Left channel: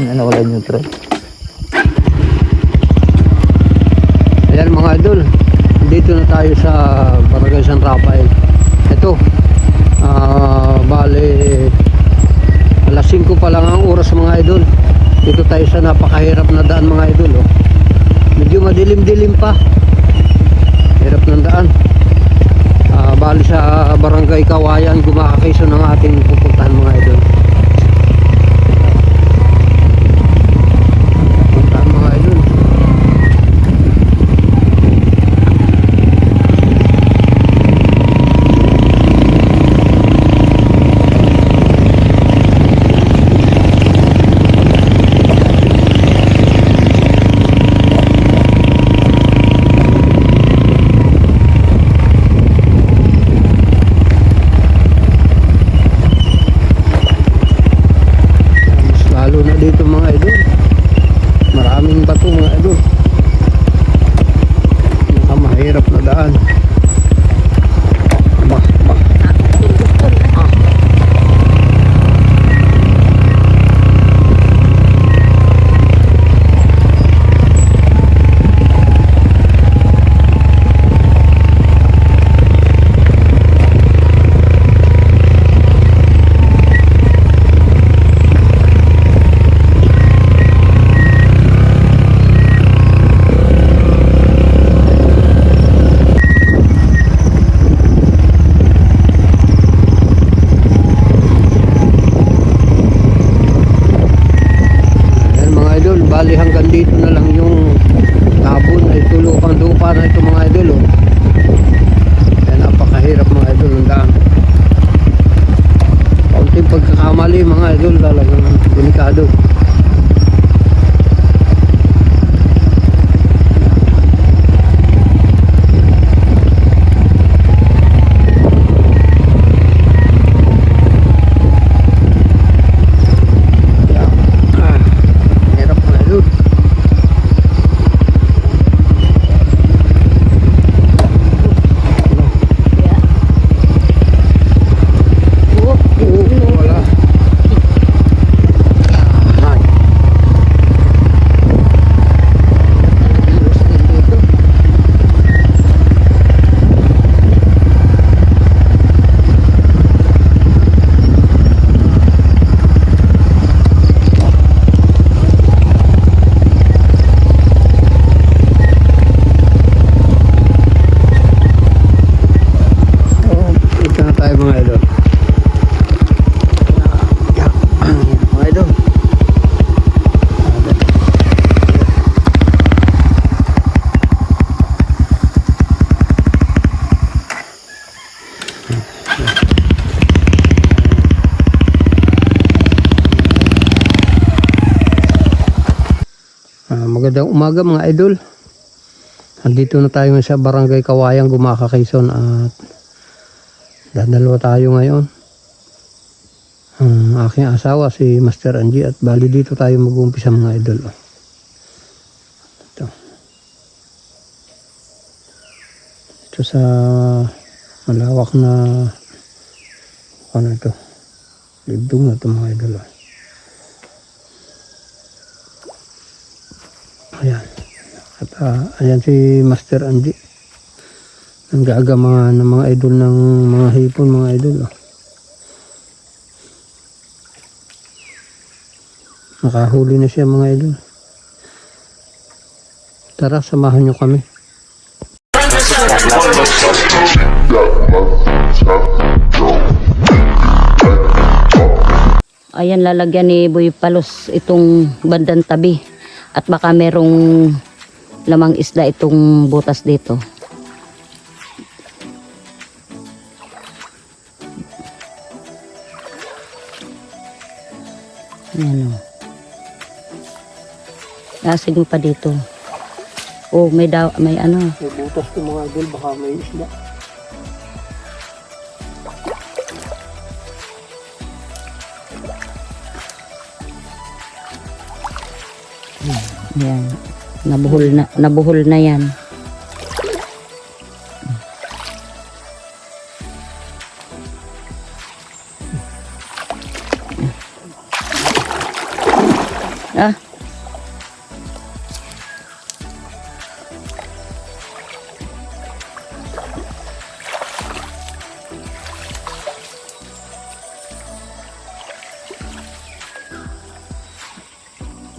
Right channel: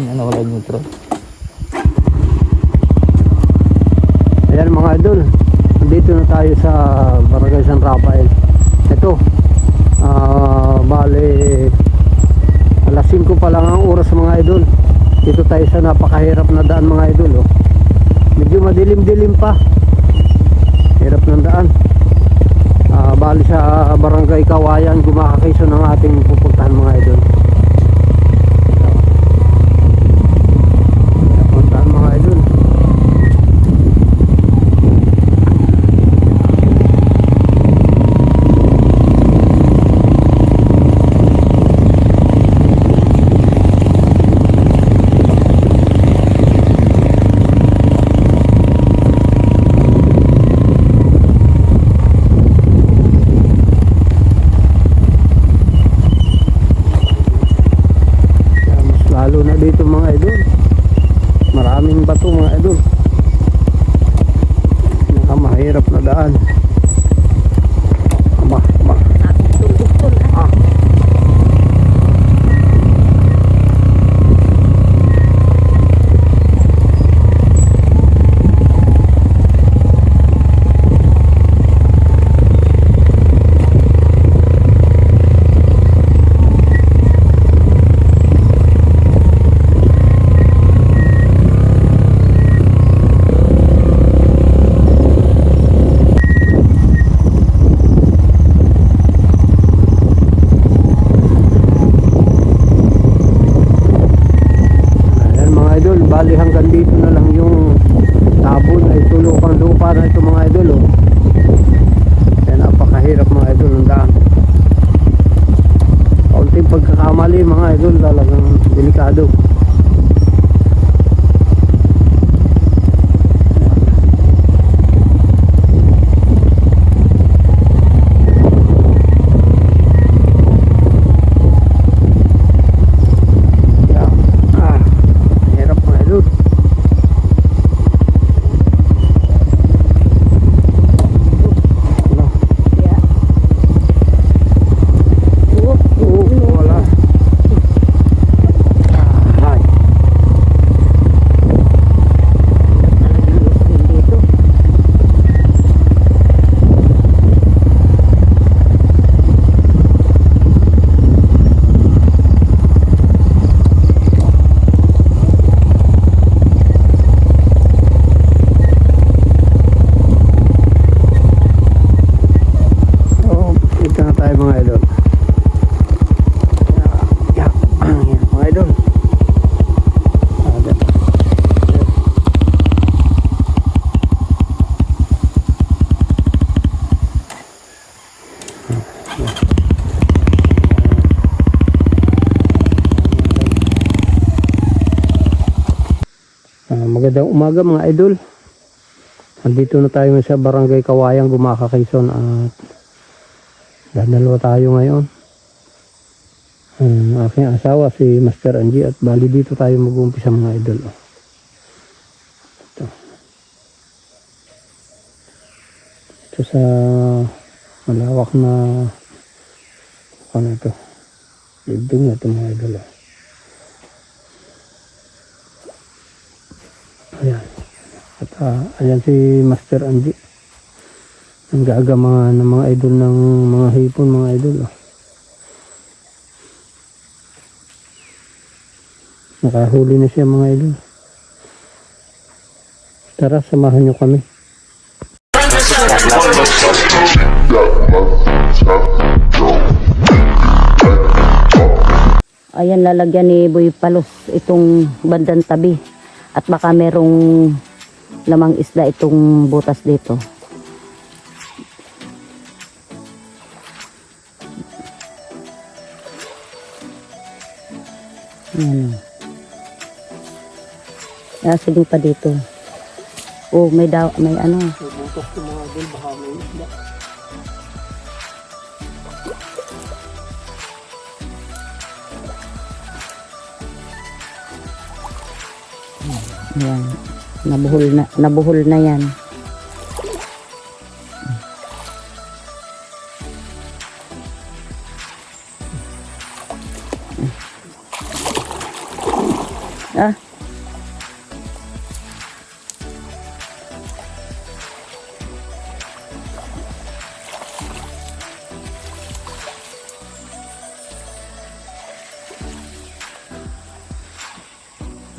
Ano wala neutral. Ayan mga idol, dito na tayo sa Barangay San Rafael. Ito, bale alas 5 pa lang ang oras mga idol. Dito tayo sa napakahirap na daan mga idol. Oh. Medyo madilim-dilim pa. Hirap ng daan. Bali sa Barangay Kawayan, Gumaca-Quezon ang ating pupuntahan mga idol. Puntahan mga idol. Dito mga idol, maraming bato mga idol, mahirap na daan. Bali hanggang dito na lang yung tabon ay tulupang lupa na ito mga idol. Oh. Kaya napakahirap mga idol ng daan. Kaunting pagkakamali mga idol, talagang delikado. Magandang umaga mga idol. Nandito na tayo sa Barangay Kawayan, Gumaca-Quezon at dadalawa tayo ngayon. Aking asawa si Master Angie at bali dito tayo mag-uumpisa mga idol. Ito sa malawak na ano ito, libdong na ito mga idol. Ayan. At ayan si Master Angie. Ang gagama ng mga idol ng mga hipon mga idol. Nakahuli na siya mga idol. Tara, samahan nyo kami. Ayan, lalagyan ni Boy Palos itong bandang tabi. At baka merong lamang isda itong butas dito. Nasaging pa dito. Oh, may ano. May butas ko mga idol, baka may isda. Yan. Nabuhol na yan. Ah.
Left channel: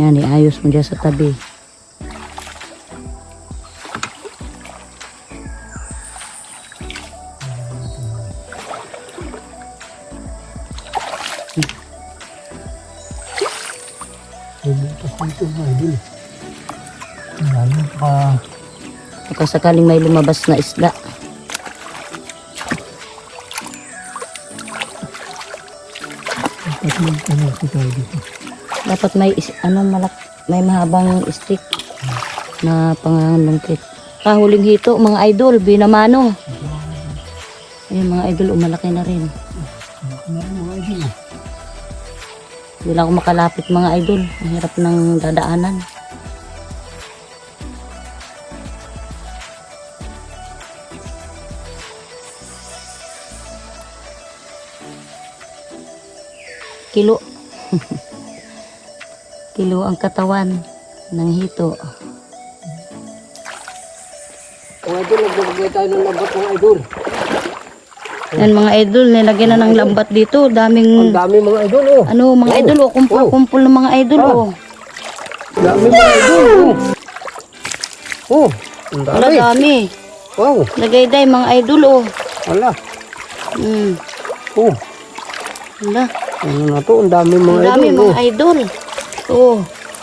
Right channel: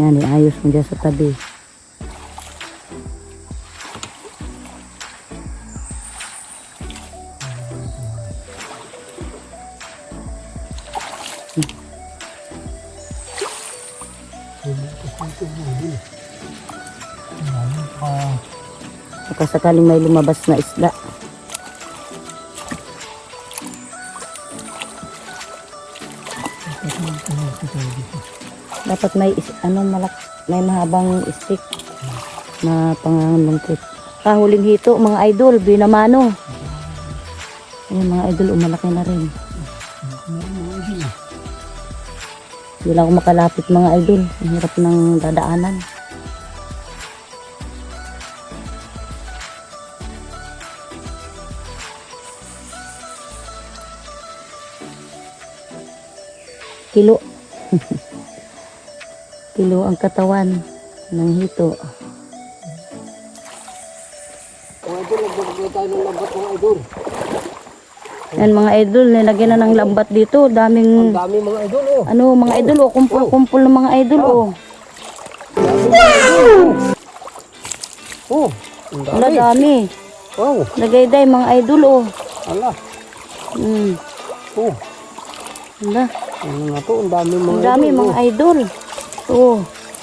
Yan, iayos mo dyan sa tabi. Baka sakaling may lumabas na isda. Dapat may may mahabang stick na pangangalungkit. Kahuling hito mga idol, binamano. Ayan mga idol, umalaki na rin. Hindi lang ako makalapit mga idol. Ang hirap ng dadaanan. Kilo. Kilo ang katawan ng hito. Mga idol, nagbabagay tayo ng lambat mga idol. Yan mga idol, nilagyan na ng lambat dito. Ang dami mga idol oh. Ano mga idol oh, kumpul-kumpul ng mga idol oh. Dami mga idol oh. Oh, ang Wala dami. dami. Wow, Nagayday mga idol oh. wala. Oh, Wala. ano na to, ang dami mga Ang dami idol mga idol. Oh.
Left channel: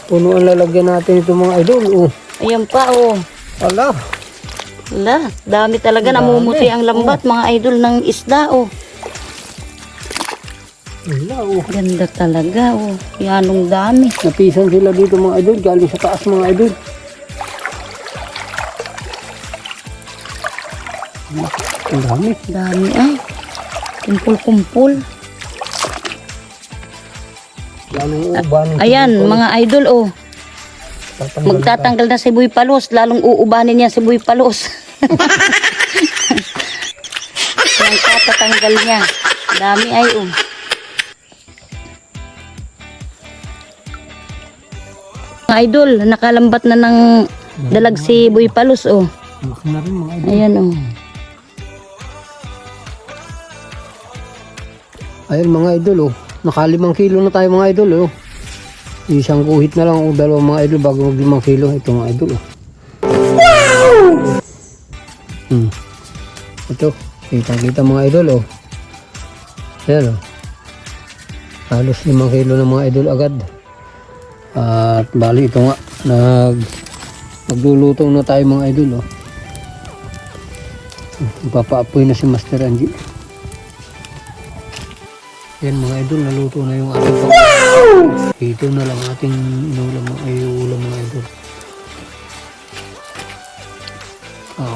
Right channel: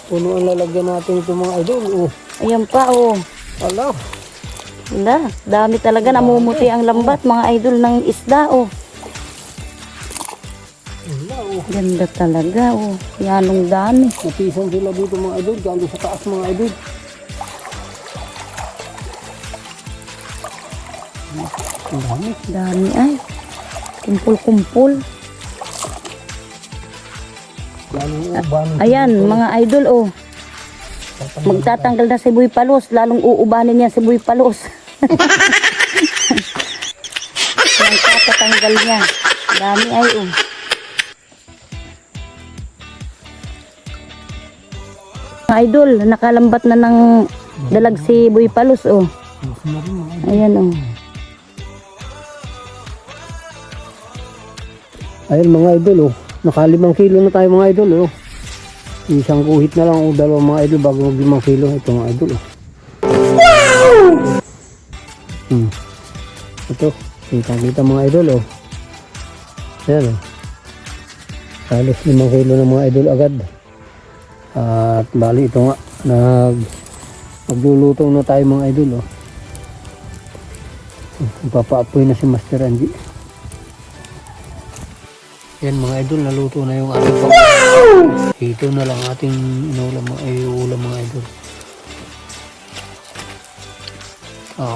Puno ang lalagyan natin ito mga idol oh. Ayan pa oh. Wala. Wala. Dami talaga. Dami. Namumuti ang lambat mga idol ng isda oh. Wala oh. Ganda talaga oh. Yanong dami. Napisan sila dito mga idol, galing sa taas mga idol. Ang dami. Dami ay. Kumpul-kumpul. Lalong uban. Ayan mga idol oh. Tatanggal Magtatanggal na si Boy Palos. Lalong uubanin niya si Boy Palos. Magtatanggal niya. Dami ay oh. Mga idol, nakalambat na ng dalag si Boy Palos oh. Laki na rin mga idol. Ayan oh. Ayun mga idol oh. Naka 5 kilo na tayo mga idol oh. Isang kuhit na lang o 2 mga idol bago mag 5 kilo. Ito mga idol oh. Ito. Kita mga idol oh. Ayan oh. Halos 5 kilo na mga idol agad. At bali ito nga. Nagluluto na tayo mga idol oh. Papaapoy na si Master Angie. Yan mga idol, naluto na yung ating ito na lang ating inulam mga idol.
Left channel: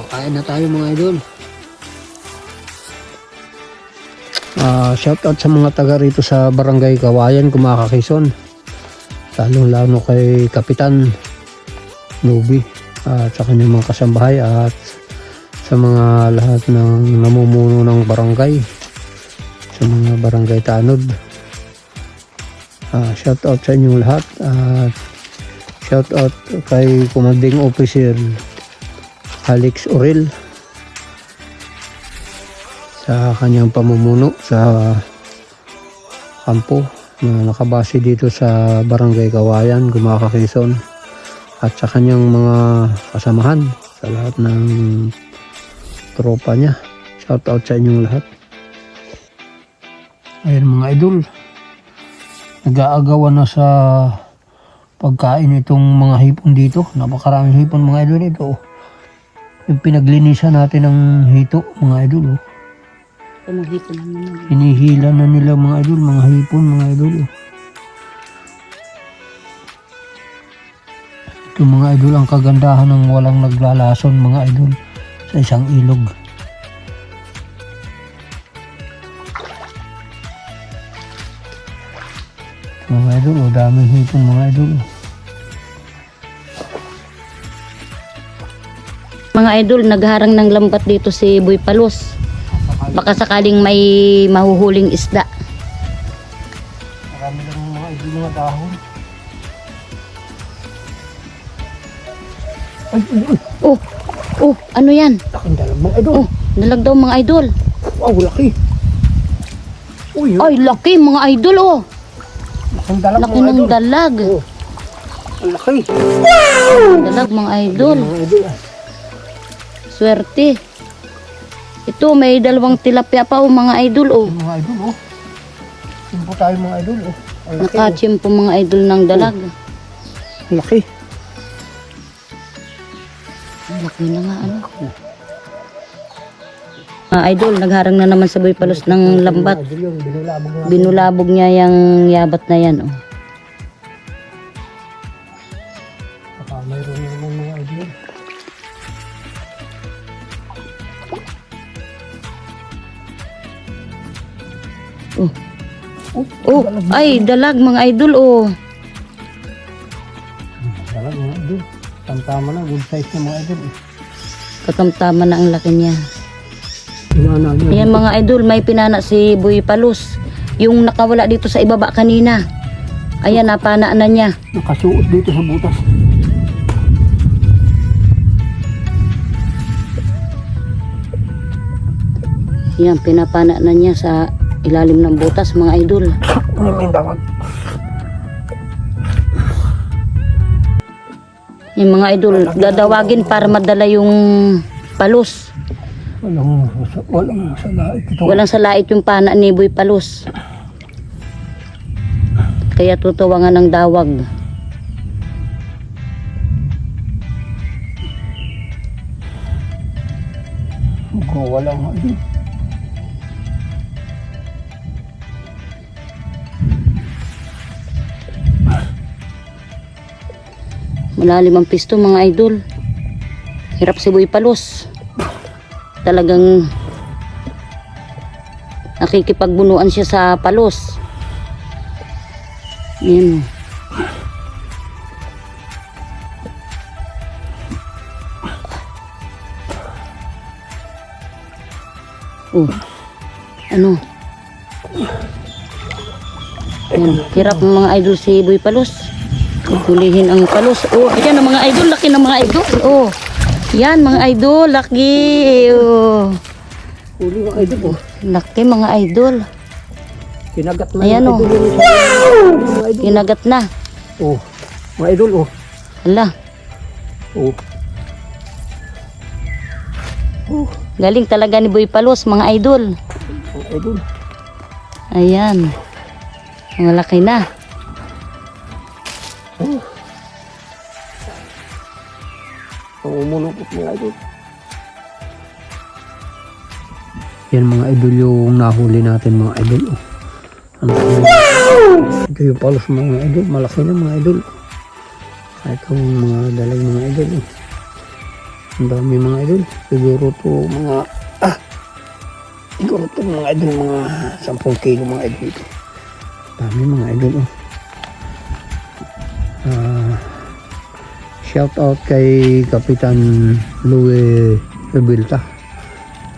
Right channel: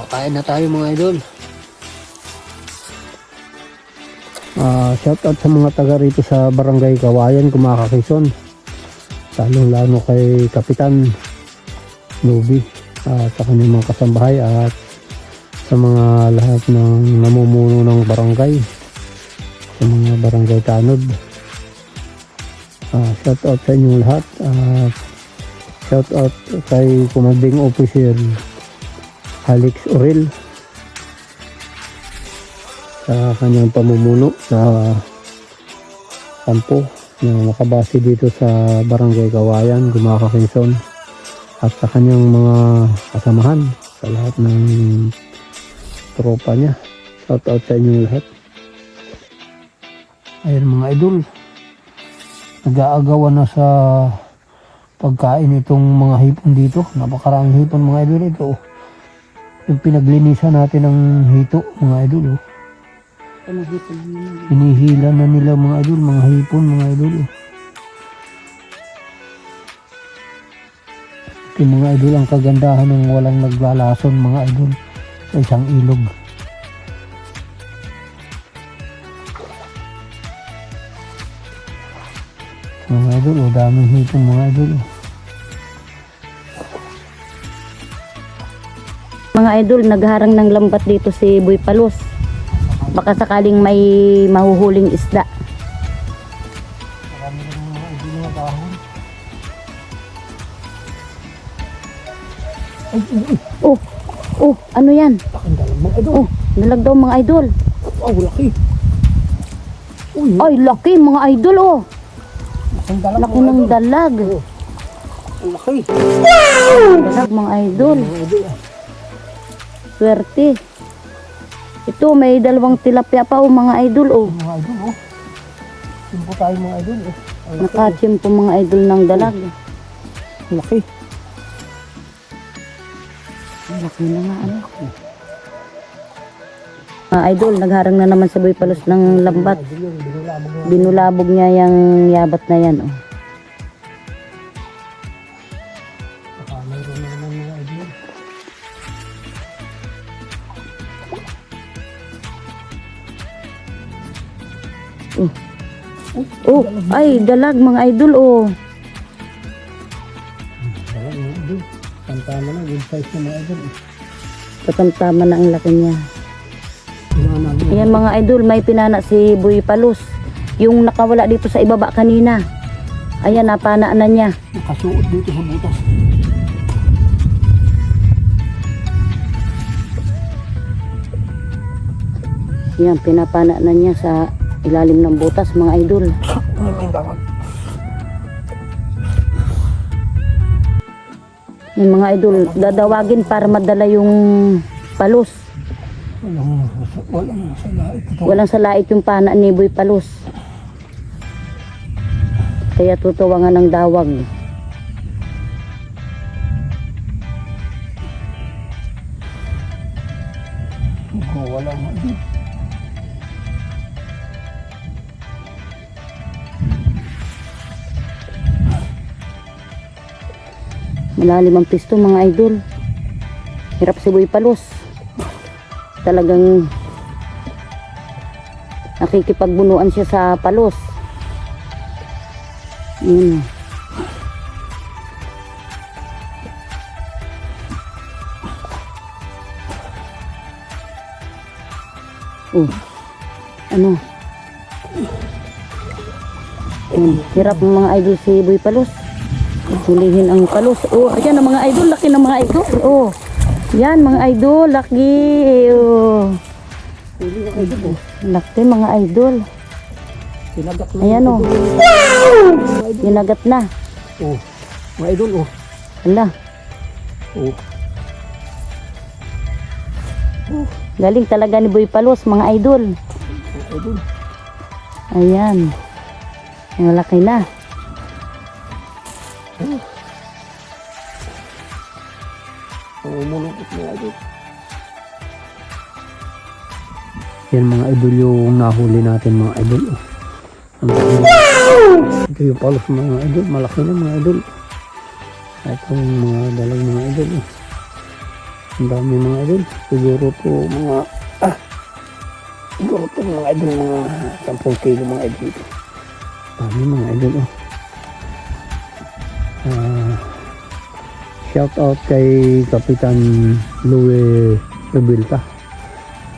Kain na tayo mga idol. Shout out sa mga taga rito sa Barangay Kawayan, Kumaka, Quezon. Lalo kay Kapitan Nubi at sa kanyang mga kasambahay at sa mga lahat ng namumuno ng barangay, sa mga barangay tanod. Shout out sa inyong lahat at shout out kay Commanding Officer Alex Orel sa kanyang pamumuno sa kampo na nakabase dito sa Barangay Kawayan, Gumaka, Quezon, at sa kanyang mga kasamahan, sa lahat ng tropa niya. Shout out sa inyong lahat. Ayun mga idol, nag-aagawan na sa pagkain itong mga hipon dito. Napakaraming hipon mga idol ito. Yung pinaglinisan natin ng hito mga idol. Hinihila na nila mga idol, mga hipon mga idol. Ito mga idol ang kagandahan ng walang naglalason mga idol sa isang ilog. Mga idol, daming hipon mga idol. Mga idol, nagharang ng lambat dito si Boy Palos. Baka sakaling may mahuhuling isda. Marami na mga idol na dahon. ay. Oh, oh, ano yan? Laking dalag mga idol. Oh, dalag daw mga idol. Wow, laki. Uy, Ay, laki mga idol oh. laking dalag Laki mga ng idol. dalag. Oh, ang laki. Dalag mga idol. Mga idol ah. Swerte. Ito, may dalawang tilapia pa oh mga idol oh. Mga idol oh. Sino po tayo mga idol oh. Ang laki. Nakachim po mga idol ng dalag. Ang laki. Ang laki na nga ano. Mga idol, nagharang na naman sa Boy Palos ng lambat. Mga idol yun, binulabog na. Binulabog niya yung yabat na yan oh. Baka mayroon na naman mga idol. Oh, ay dalag mga idol oh. Dalag mga idol. Tama na, good size na mga idol eh. Katamtama na ang laki niya. Pinana niya. Ayan mga idol, may pinana si Boy Palos. Yung nakawala dito sa ibaba kanina. Ayan, napana na niya. Nakasuot dito sa butas. Yan, pinapana na niya sa ilalim ng butas mga idol. Ano yung tawag? Yung mga idol, dadawagin para madala yung palos. Walang salait ito. Walang salait yung pana ni Boy Palos. Kaya tutuwangan ng dawag. Walang idol. Malalim ang pisto mga idol. Hirap si Boy Palos. Talagang nakikipagbunuan siya sa palos. Yan. Oh. Ano? Yan. Hirap ng mga idol si Boy Palos. Hulihin ang palos. Oh, ayan ang mga idol, laki ng mga idol. Oh. Yan mga idol, laki. Oh. Huli mga idol oh. Laki mga idol. Kinagat na. Ayan yung oh. idol. Mga idol. Kinagat na. Oh. Mga idol oh. Hala. Oh. Oh. Galing talaga ni Boy Palos mga idol. Mga idol. Ayan. Ang laki na. Oh. Ang umulukot mga idol. Yan mga idol yung nahuli natin mga idol. Oh. Ito yung palos mga idol. Malaki na mga idol. Itong mga dalag mga idol. Oh. Ang dami mga idol. Siguro po mga siguro po mga idol mga 10 kilo mga idol ito. Dami mga idol. Oh. Shout out kay Kapitan Louie Rebilta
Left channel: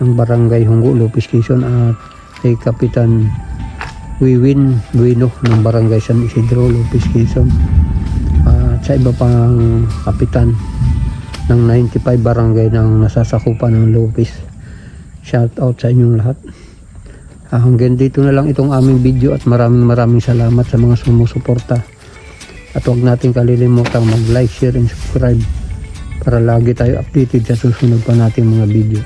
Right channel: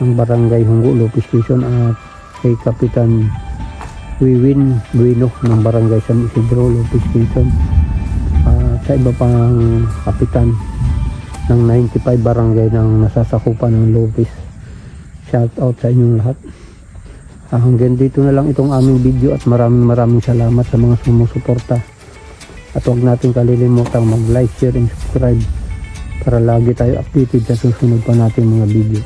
ng Barangay Hunggo, Lopez Quezon, at kay Kapitan Wiwin Bueno ng Barangay San Isidro, Lopez Quezon, at sa iba pang kapitan ng 95 barangay ng nasasakupan ng Lopez. Shout out sa inyong lahat. Hanggang dito na lang itong aming video at maraming salamat sa mga sumusuporta. At huwag natin kalilimutang mag-like, share, and subscribe para lagi tayo updated sa susunod pa nating mga video.